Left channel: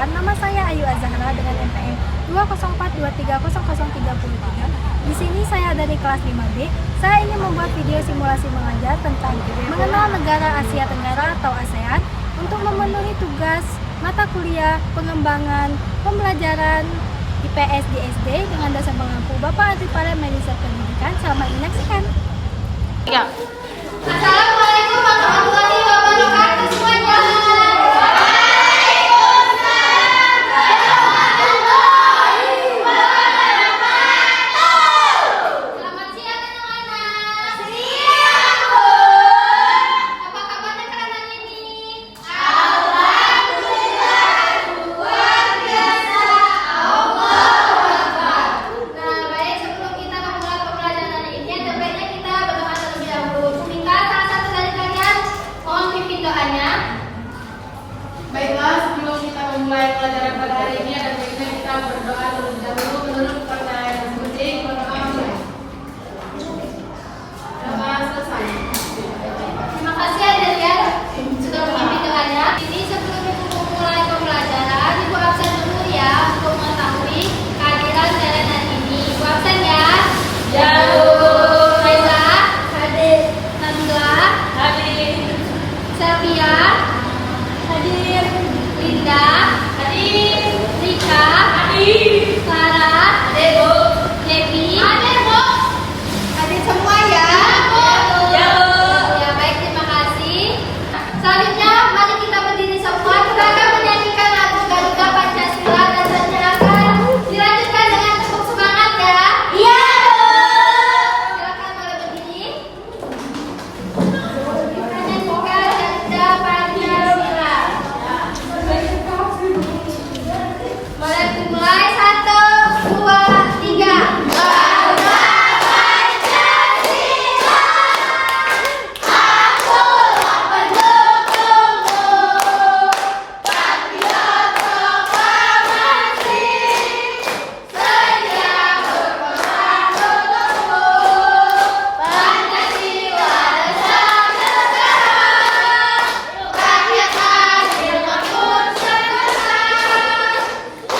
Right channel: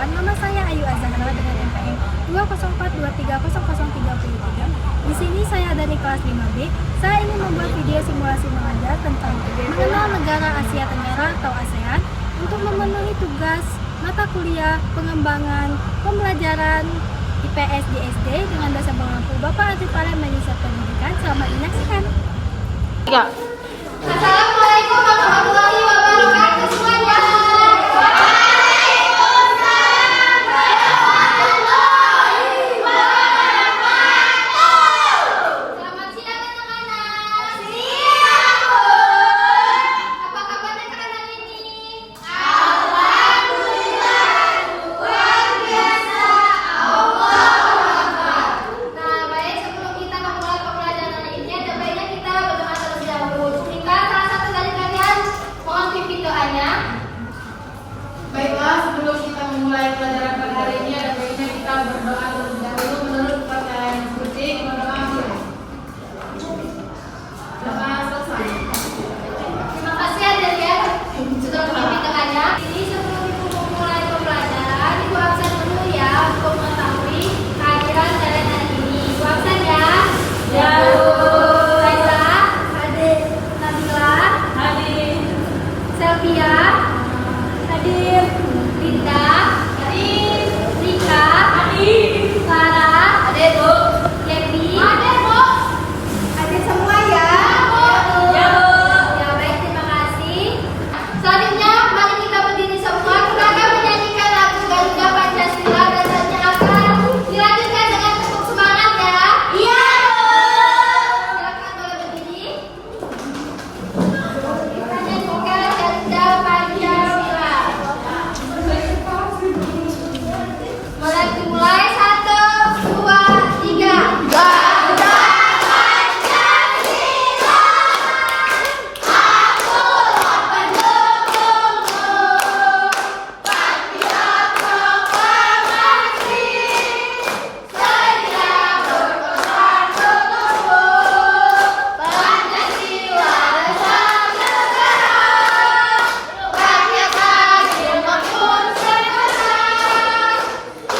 Perkenalkan, nama saya Ayu Azahra dengan NPM 204230033. Di sini saya dari kelas 5B. Saya ingin membuat video simulasi mengajar tentang mengenal negara Asia Tenggara atau ASEAN untuk memenuhi tugas mata kuliah pengembangan pembelajaran IPS di SD dengan dosen pengampu Bapak Artifale Manajer Pendidikan. Selamat menyaksikan. Ya. Assalamualaikum warahmatullahi wabarakatuh semuanya. Selamat siang anak-anak. Siang, Bu. Apa kabar anak-anak ini? Alhamdulillah luar biasa. Nah, baik, sebelum kita memulai pembelajaran ini, ada baiknya kita berdoa terlebih dahulu. Salah satu dari kalian mohon pimpin doanya. Baiklah, sebelum kita memulai pelajaran pada hari ini, ada baiknya kita berdoa terlebih dahulu menurut perkataan yang seperti berdoa mulai. Doa selesai. Terima kasih Adelia sudah memimpin doanya. Ini sebelum Ibu memulai pembelajaran, Ibu absen dulu ya untuk mengetahui kehadiran kalian hari ini. Ibu absen ya. Ya. Raisa, hadir. Nabila, hadir. Selvia, hadir. Linda, hadir. Rika, hadir. Clara, hadir Bu. Levi, hadir Bu. Hadir semua ya. Ya Bu. Ya baik, terima kasih. Selanjutnya mari kita berdiri semua. Kita akan menyanyikan lagu Garuda Pancasila dan selanjutnya akan dilanjutkan dengan tepuk semangat ya. Iya Bu. Silakan boleh berdiri. Kita nyanyikan Garuda Pancasila. Mulai dimulai 1, 2, 3. Garuda Pancasila. Akulah pendukungmu, patriot proklamasi, sedia berperang untukmu. Pancasila adalah negara, rakyat adil makmur sejahtera.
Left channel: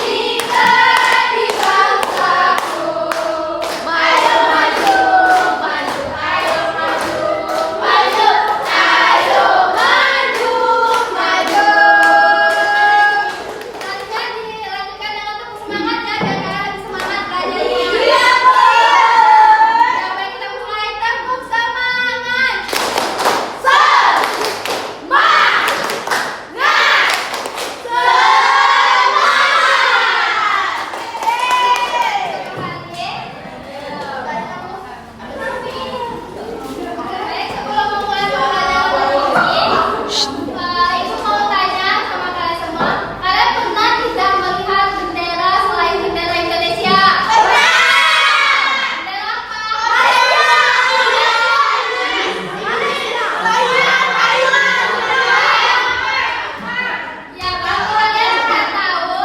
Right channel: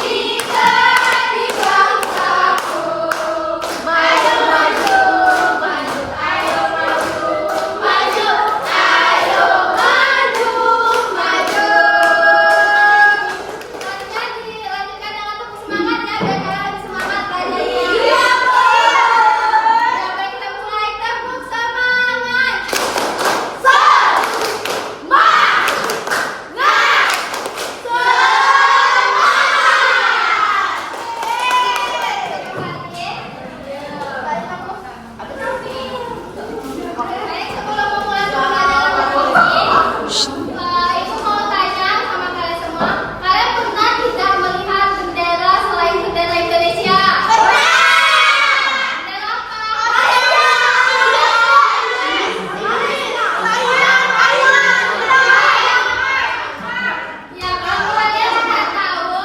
Kita di bangsaku, maju maju maju, ayo maju maju, ayo maju maju. Selanjutnya dilanjutkan dengan tepuk semangat ya, biar kalian lebih semangat belajarnya. Iya Bu. Ya baik, kita mulai, tepuk semangat. Sebelum memulai pembelajaran ini, Ibu mau tanya sama kalian semua, kalian pernah tidak melihat bendera selain bendera Indonesia? Pernah. Bendera apa? Ya, kalau kalian sudah tahu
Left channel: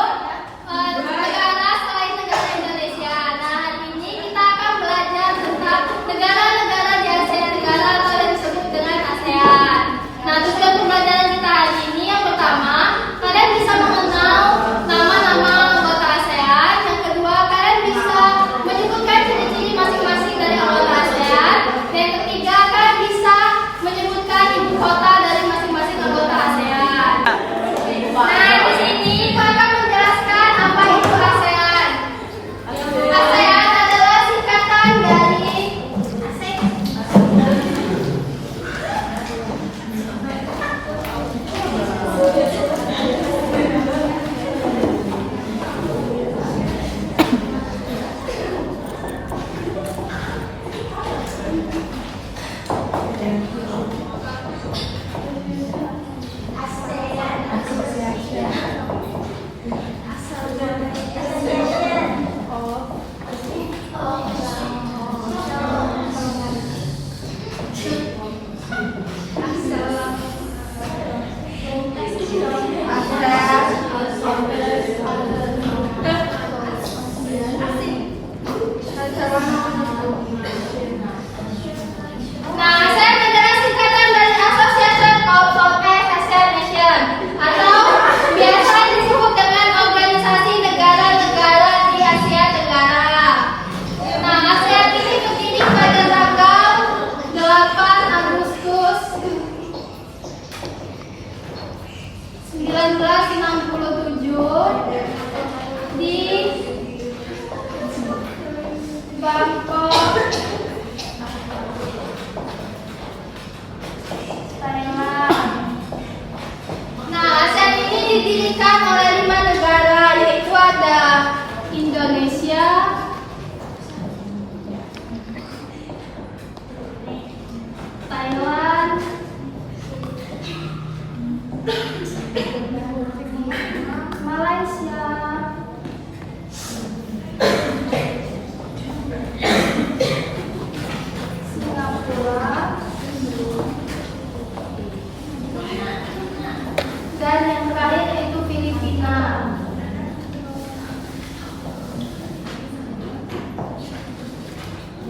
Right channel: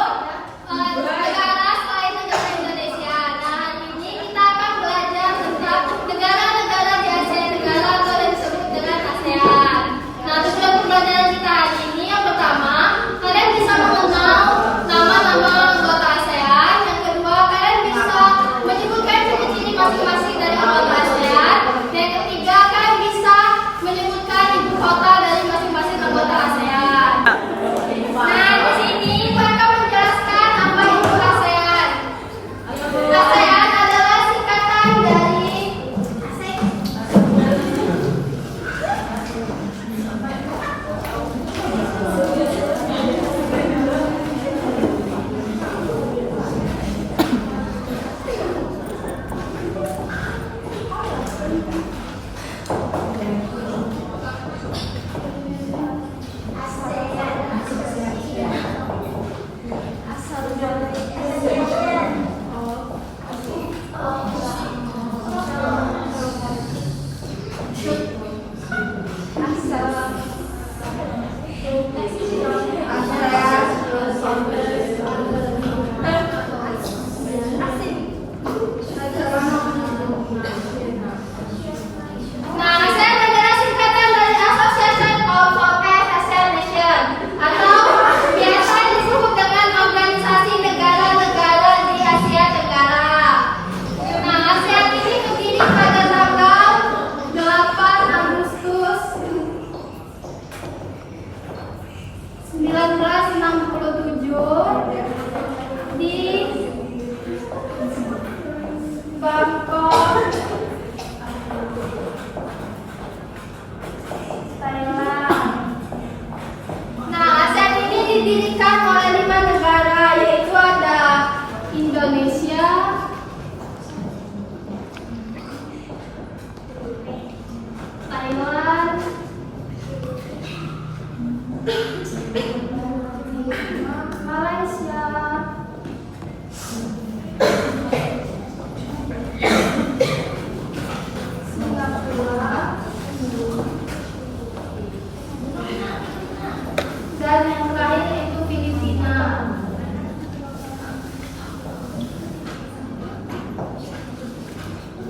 negara selain negara Indonesia. Nah, hari ini kita akan belajar tentang negara-negara di Asia Tenggara atau yang disebut dengan ASEAN. Nah, tujuan pembelajaran kita hari ini yang pertama, kalian bisa mengenal nama-nama anggota ASEAN. Yang kedua, kalian bisa menyebutkan ciri-ciri masing-masing dari anggota ASEAN. Dan yang ketiga, kalian bisa menyebutkan ibu kota dari masing-masing anggota ASEAN. Nah, di sini Ibu akan menjelaskan apa itu ASEAN. ASEAN adalah singkatan dari atau biasa disebut dengan duduk di Bangkok, Thailand. Nah, ASEAN ini didirikan oleh 5 negara, yaitu ada Indonesia, Thailand, Malaysia, Singapura, dan yang terakhir yaitu Filipina.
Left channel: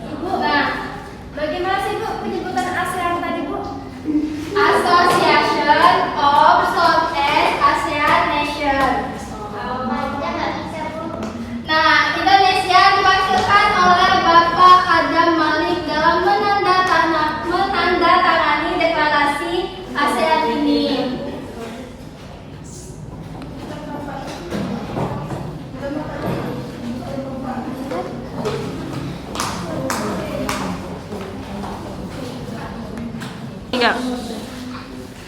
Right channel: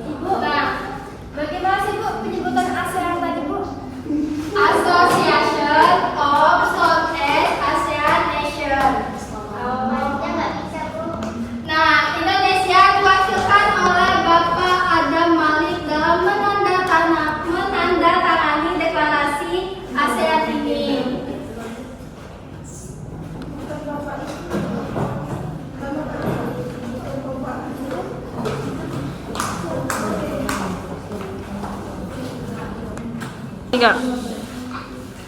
Ibu, nah, bagaimana sih Bu penyebutan ASEAN tadi Bu? Association of Southeast Asian Nations. Nah, Indonesia diwakilkan oleh Bapak Adam Malik dalam menandatangani deklarasi ASEAN ini.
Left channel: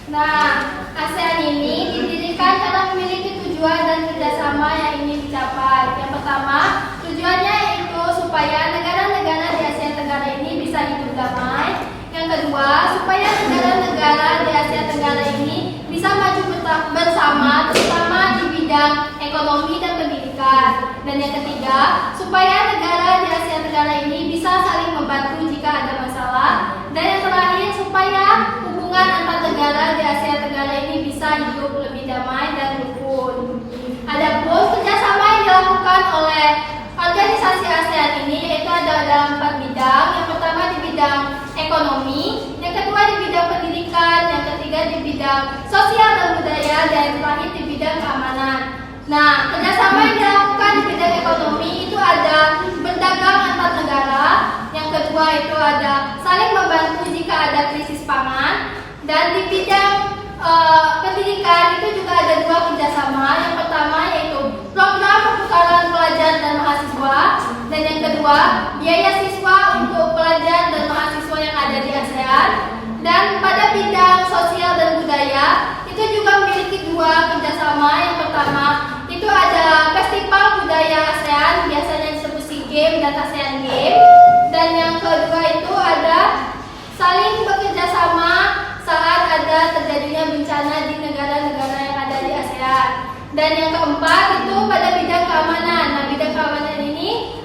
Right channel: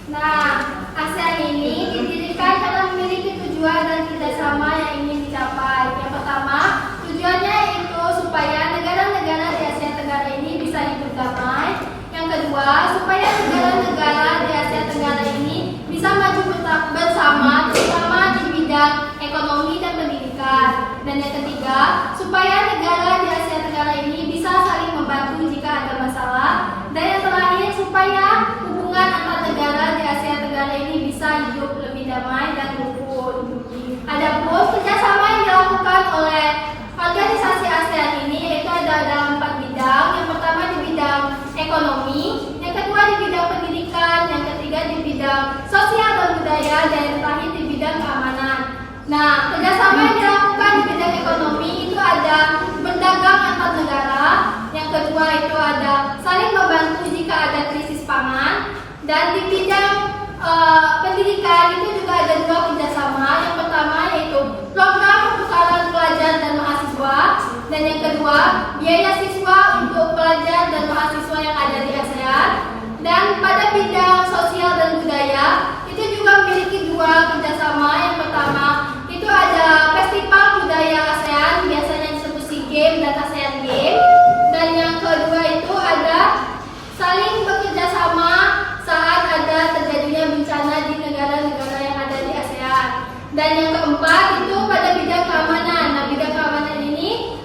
Nah, ASEAN ini didirikan karena memiliki tujuan dan kerjasama yang ingin dicapai. Yang pertama, tujuannya yaitu supaya negara-negara di Asia Tenggara ini bisa hidup damai. Yang kedua, supaya negara-negara di Asia Tenggara ini bisa maju bersama, terutama di bidang ekonomi dan pendidikan. Dan yang ketiga, supaya negara di Asia Tenggara ini bisa saling membantu jika ada masalah. Dan yang terakhir, supaya hubungan antar negara di Asia Tenggara ini bisa hidup lebih damai dan rukun. Adapun kerjasama yang dilakukan oleh organisasi ASEAN ini yaitu ada dalam 4 bidang. Yang pertama di bidang ekonomi, yang kedua di bidang pendidikan, yang ketiga di bidang sosial dan budaya, dan yang terakhir di bidang keamanan. Nah, kerjasama yang dilakukan di bidang ekonomi itu ada berdagang antar negara, yang kedua itu ada saling membantu jika ada krisis pangan, dan di bidang pendidikan itu juga ada 2 kerjasama. Yang pertama yaitu program pertukaran pelajar dan mahasiswa, dan yang kedua biaya siswa untuk pelajar dan mahasiswa yang ada di ASEAN. Dan pada bidang sosial dan budaya itu juga memiliki 2 kerjasama. Yang pertama itu ada festival budaya ASEAN, biasanya disebut SEA Games dan ASEAN Games. Dan yang kedua itu ada saling bekerja sama saat ada terjadinya bencana di negara-negara yang ada di ASEAN. Dan yang keempat itu pada bidang keamanan. Nah, bidang keamanan ini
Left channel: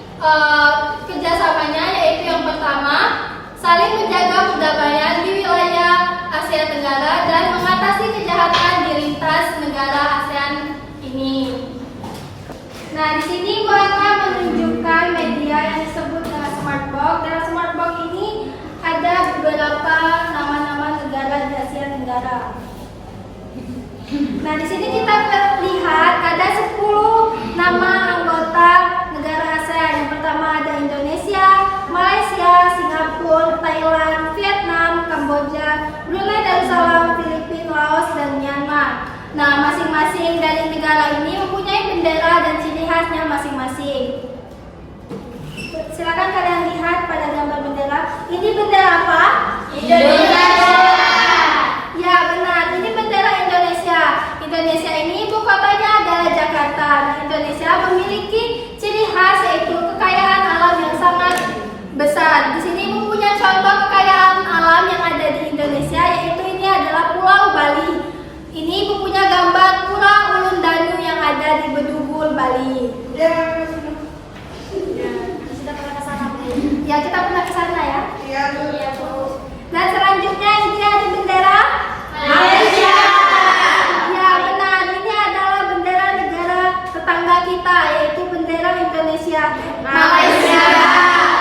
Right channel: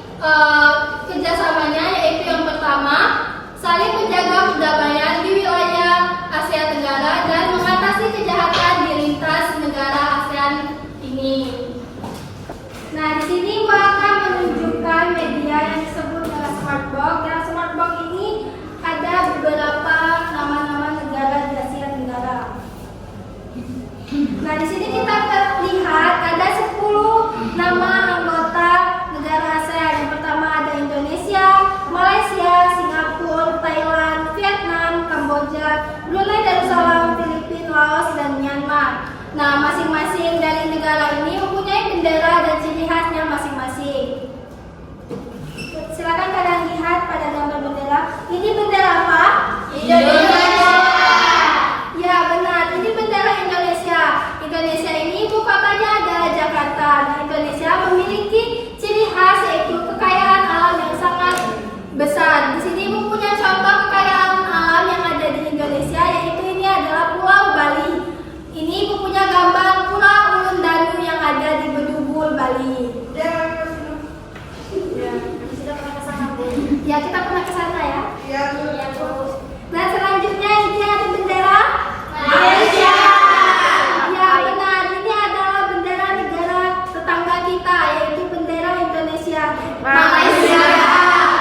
kerjasamanya yaitu yang pertama saling menjaga perdamaian di wilayah Asia Tenggara dan mengatasi kejahatan di lintas negara ASEAN ini. Nah, di sini gua akan menunjukkan media yang disebut dengan Smartbox. Dan Smartbox ini ada beberapa nama-nama negara di Asia Tenggara. Nah, di sini kita lihat ada 10 nama anggota negara ASEAN. Yang pertama ada Indonesia, Malaysia, Singapura, Thailand, Vietnam, Kamboja, Brunei Darussalam, Filipina, Laos, dan Myanmar. Nah, masing-masing dari negara ini mempunyai bendera dan ciri khasnya masing-masing. Silakan kalian lihat pada gambar bendera. Ini bendera apa? Indonesia. Ya, benar. Ini bendera Indonesia. Indonesia ini ibu kotanya adalah Jakarta. Nah, Indonesia memiliki ciri khas yaitu kekayaan alam yang sangat besar. Di sini mempunyai contoh kekayaan alam yang ada di Indonesia, yaitu ini adalah Pulau Bali. Ini punya gambar Pulau Ulundanu yang ada di Bedugul, Bali. Ya, kita pernah ke sana ya? Iya, Bu. Nah, selanjutnya ini ada bendera Malaysia. Ya, benar. Ini adalah bendera negara tetangga kita, yaitu bendera Indonesia. Malaysia.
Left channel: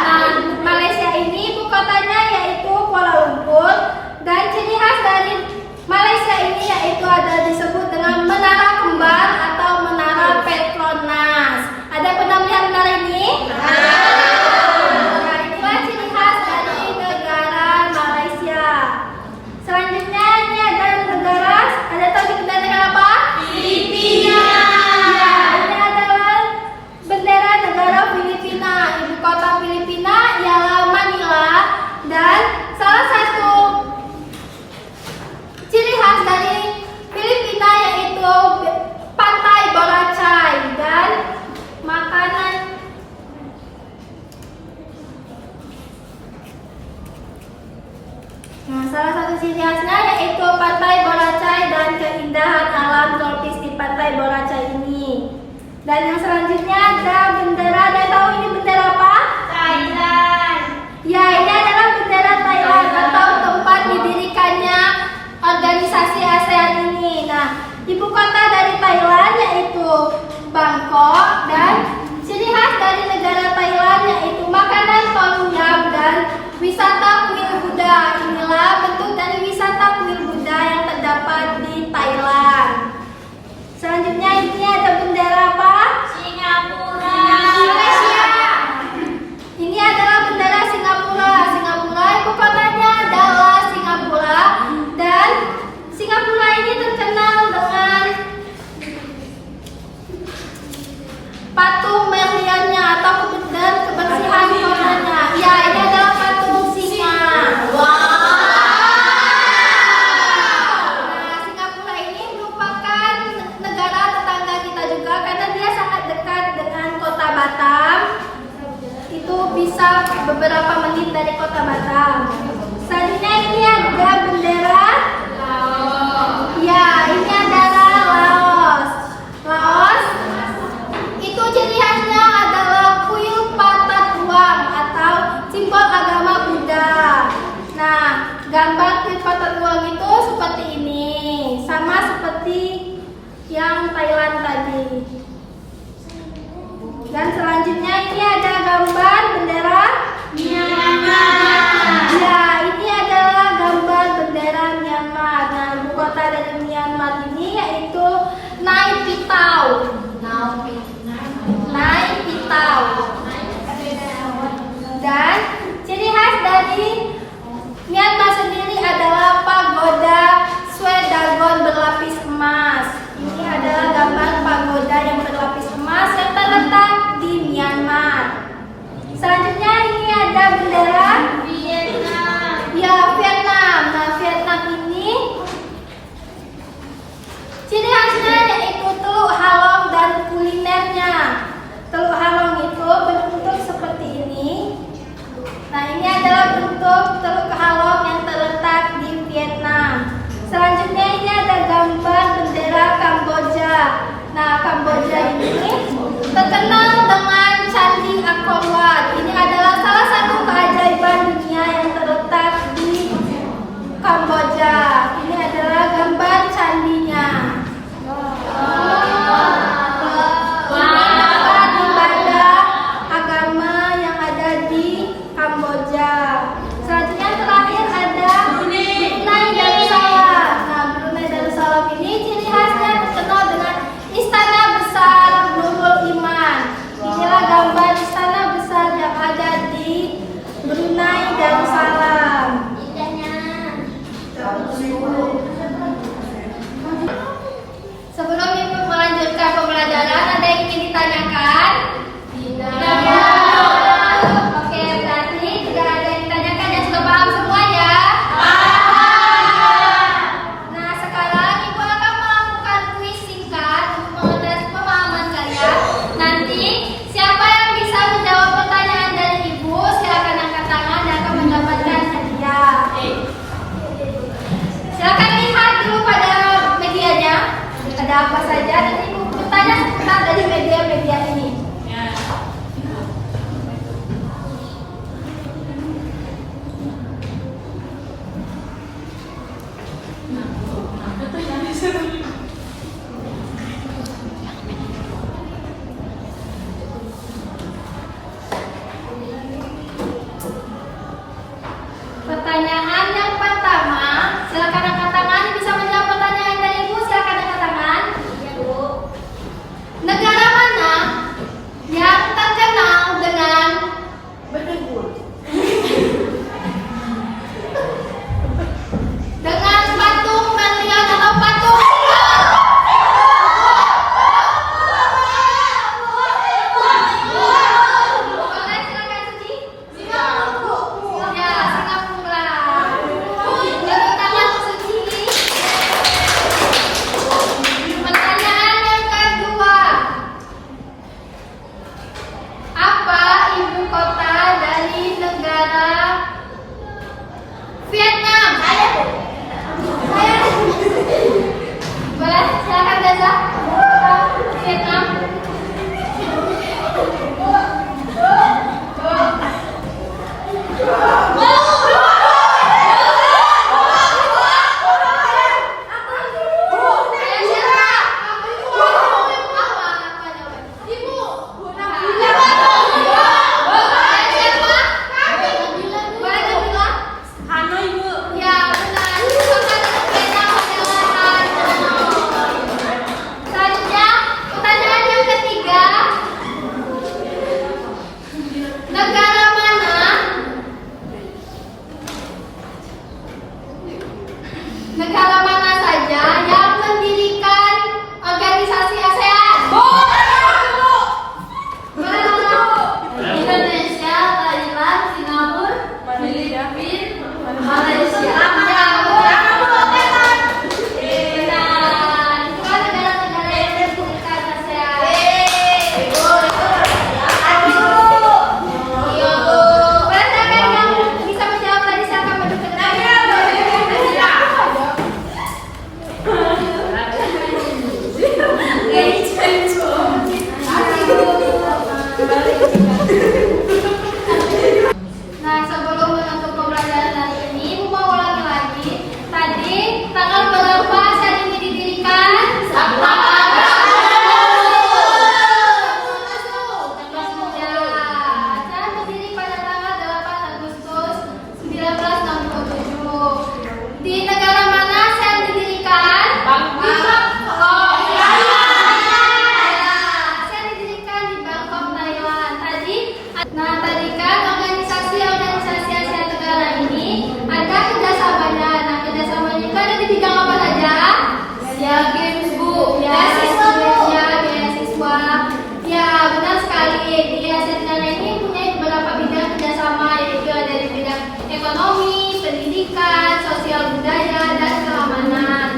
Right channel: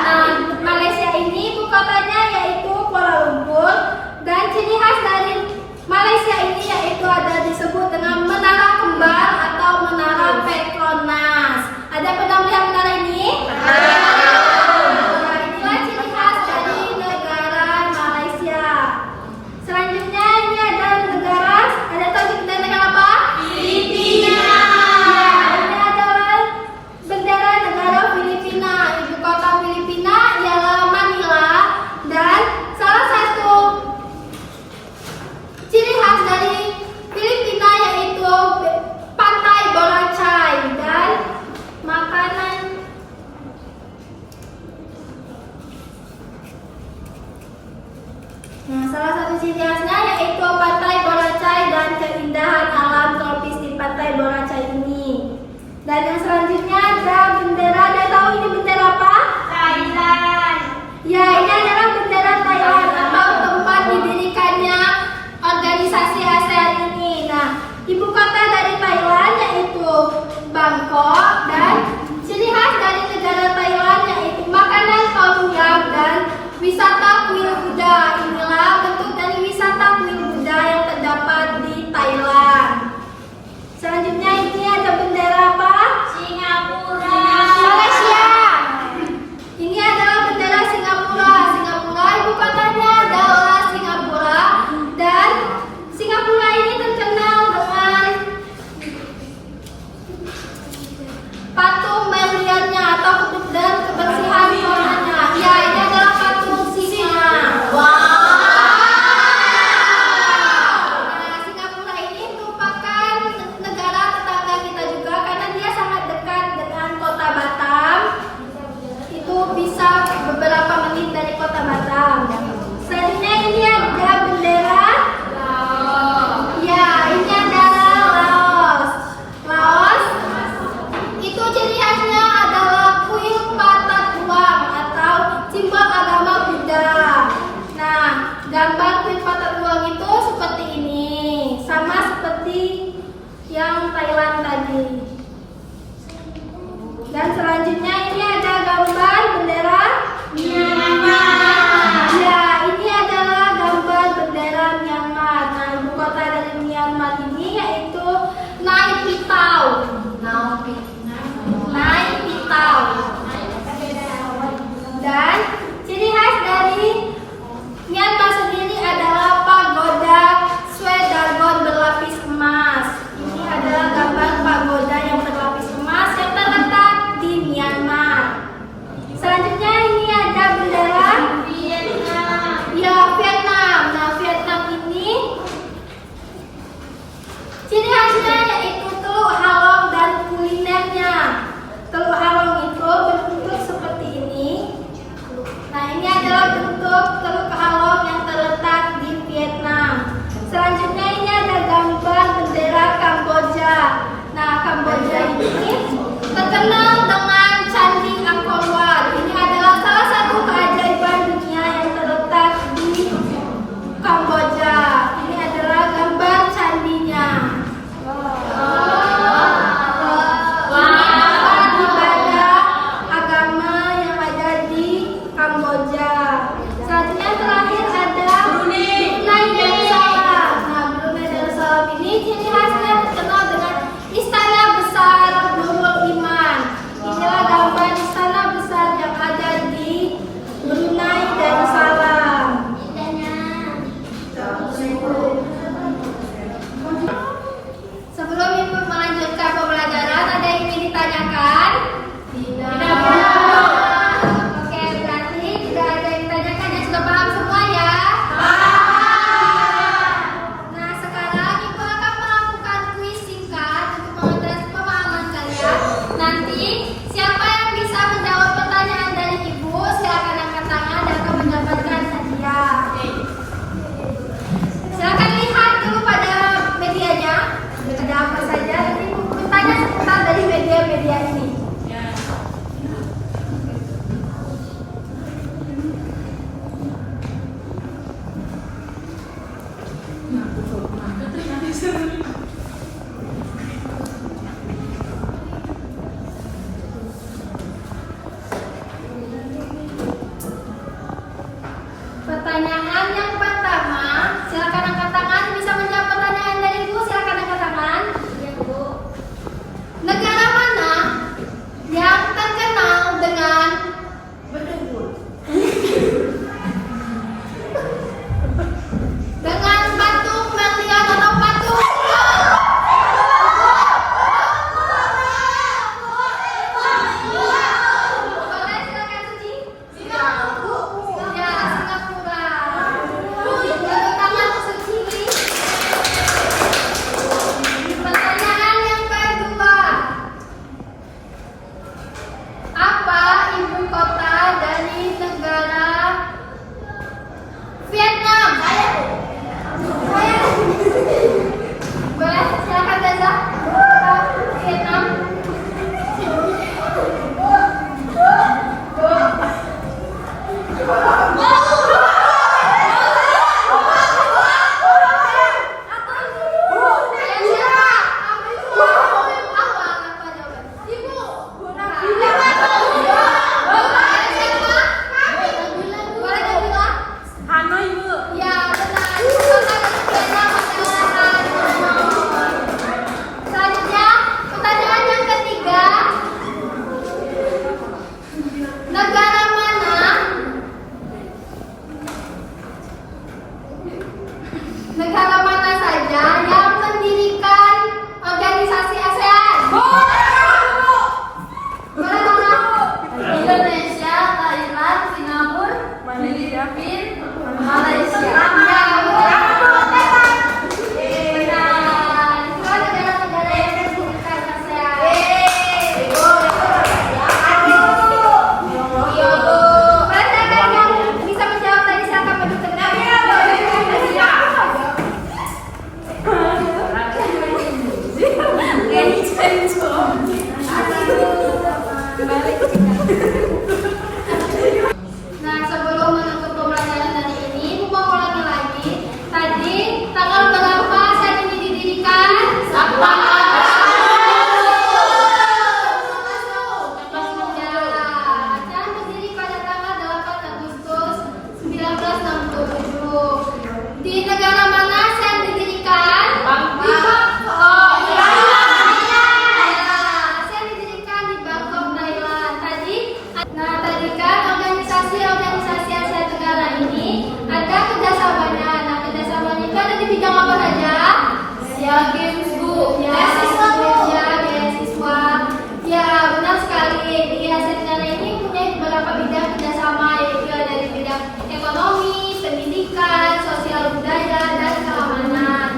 Nah, Malaysia ini ibu kotanya yaitu Kuala Lumpur, dan ciri khas dari Malaysia ini yaitu ada disebut dengan Menara Kembar atau Menara Petronas. Ada pernah melihat menara ini? Nah, inilah ciri khas dari negara Dan yang selanjutnya ada bendera. Ada tahu ini bendera apa? Thailand. Ya, ini adalah bendera Thailand atau tempat didirikannya organisasi ASEAN ini. Nah, ibu kota dari Thailand yaitu Bangkok, dan ciri khas dari negara Thailand yaitu makanan tom yum dan wisata kuil Buddha. Inilah bentuk dari wisata kuil Buddha yang terdapat di Thailand. Selanjutnya ini ada bendera apa? Singapura. Malaysia. Ini adalah bendera Singapura. Singapura ibu kotanya adalah Singapura, dan Singapura ini terkenal dengan patung berliannya atau dan kebersihan kotornya. Ya, ini adalah patung singa. Wow. Nah, Singapura ini merupakan negara tetangga kita juga karena dia sangat dekat dengan kota Batam. Itu bisa beberapa menit dari kota Batam. Selanjutnya ini ada bendera. Ya, ini adalah Laos. Laos itu ciri khasnya adalah kuil patat uang atau simbol agama Buddha. Nah, gambar kuil patat uang itu seperti ini, sama seperti yang Thailand tadi. Dan selanjutnya ini ada gambar bendera Myanmar. Ya, ini adalah gambar bendera Myanmar. Nah, ibu kota dari Myanmar ini yaitu Naypyidaw. Naypyidaw. Dan ciri khas dari Myanmar sendiri adalah pagoda Swedagon berlapis emas. Ini adalah gambar pagoda yang berlapis emas yang terletak di Myanmar. Selanjutnya ini ada bendera Vietnam. Ya, Vietnam. Nah, Vietnam ini ciri khasnya yaitu teluk halong dan kulinernya. Teluk halong itu berbentuk seperti ini. Nah, ini adalah bentuk teluk halong yang terletak di Vietnam. Selanjutnya ini ada gambar bendera Kamboja. Nah, Kamboja ini terkenal dengan Candi Angkor Wat. Ini adalah salah satu keajaiban dunia yang terletak di Kamboja. Ini adalah gambar candinya. Ini tempat ibadah agama yang ada di Kamboja. Selanjutnya terakhir ada Brunei Darussalam. Nah, Brunei Darussalam ini ciri khasnya terkenal dengan istana besar Nurul Iman. Inilah gambar istana besar yang ada di Brunei Darussalam. Sebelum ibu melanjutkan pembelajaran, ada yang ingin ditanyakan? Tidak. Oke, berarti tidak ada yang ditanyakan dan sudah paham semua ya? Nah, sekarang ibu akan melakukan kuis singkat untuk mengetes pemahaman kalian. Nanti siapa yang bisa menjawab pertanyaan dari ibu, silakan angkat tangan dan akan mendapatkan hadiah. Silakan lihat dulu pada medianya. Ada apa saja? Nanti ibu bertanya seputar dari media-media ini. Ya, Beasiswa Bu, ya beasiswa. Ya benar sekali. Di Asia Tenggara ini punya beberapa bidang kerjasama, yaitu dari bidang ekonomi, pendidikan, sosial budaya, dan keamanan.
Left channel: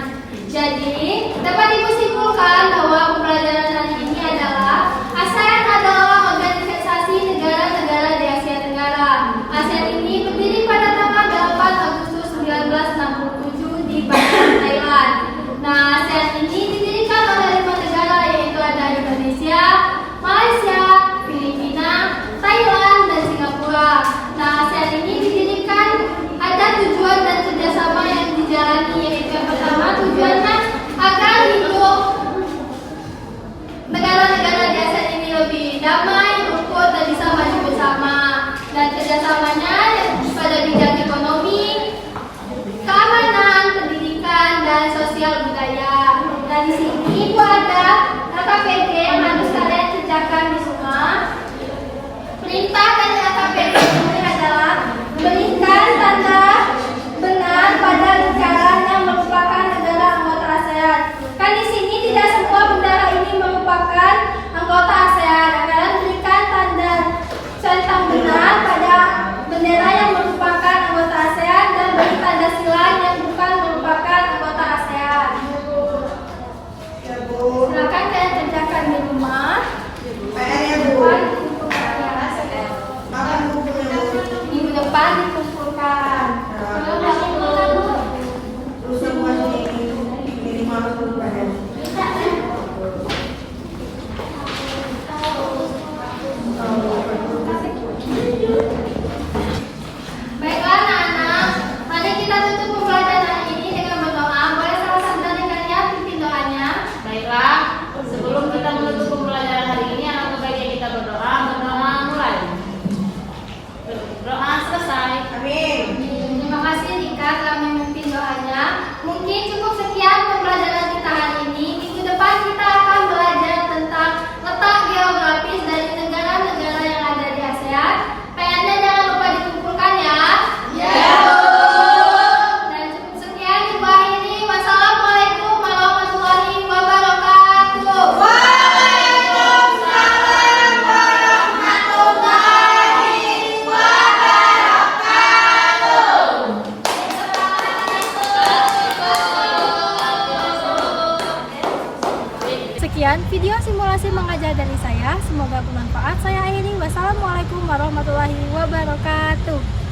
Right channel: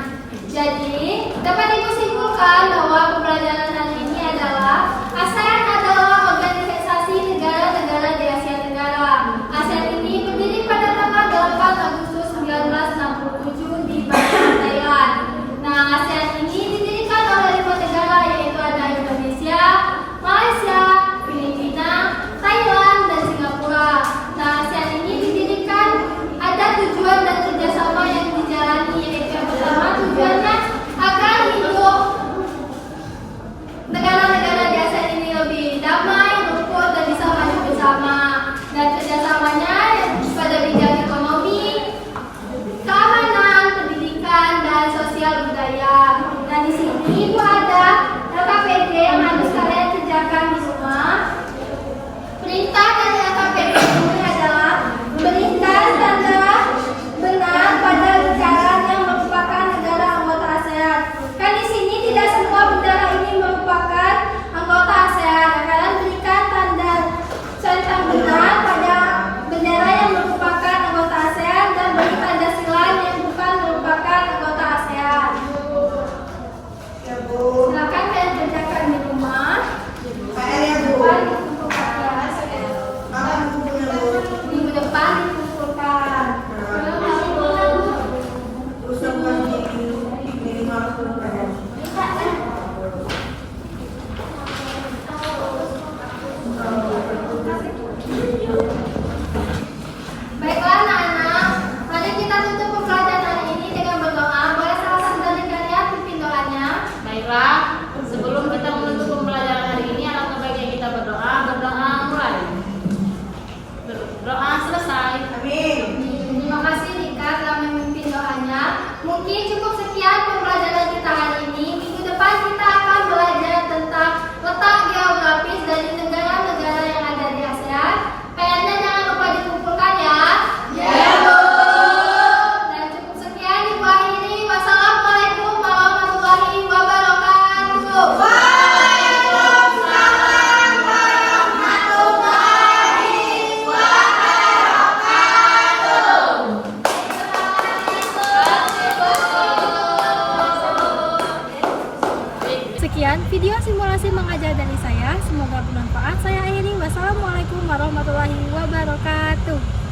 Jadi dapat Ibu simpulkan bahwa pembelajaran hari ini adalah ASEAN adalah organisasi negara-negara di Asia Tenggara. ASEAN ini berdiri pada tanggal 8 Agustus 1967 di Bangkok, Thailand. Nah, ASEAN ini didirikan oleh 5 negara, yaitu ada Indonesia, Malaysia, Filipina, Thailand, dan Singapura. Nah, ASEAN ini didirikan ada tujuan dan kerjasama yang dijalani, yaitu yang pertama tujuannya agar hidup negara-negara di ASEAN ini lebih damai, rukun, dan bisa maju bersama. Dan kerjasamanya pada bidang ekonomi, keamanan, pendidikan, dan sosial budaya. Nah, di sini Ibu ada LKPD yang harus kalian kerjakan di rumah. Perintah dari LKPD ini adalah berikan tanda benar pada lingkaran yang merupakan negara anggota ASEAN. Kan di sini tidak semua bendera ini merupakan anggota ASEAN. Kalian berikan tanda centang benar pada bendera yang merupakan anggota ASEAN dan beri tanda silang yang bukan merupakan anggota ASEAN. Silakan kalian kerjakan di rumah. Depan dikumpulkan ya. Minggu depan dikumpulkan. Belum dikumpulkan Bu. Baiklah anak-anak, mari kita tutup pembelajaran hari ini dengan berdoa. Boleh salah satu dari kalian pimpin doanya? Baiklah, sebelum kita menutup pembelajaran hari ini, alangkah baiknya kita berdoa. Berdoa mulai. Doa selesai. Amin. Terima kasih Rika telah memimpin doanya. Mungkin cukup sekian pembelajaran kita hari ini. Minggu depan kita akan belajar tentang letak geografis dari negara-negara yang ada di ASEAN. PR-nya jangan lupa dikumpulkan ya. Ya Bu. Dan cukup sekian Ibu akhiri. Wassalamualaikum warahmatullahi wabarakatuh. Sekian video simulasi mengajar dari saya. Semoga bermanfaat. Saya akhiri. Wassalamualaikum warahmatullahi wabarakatuh.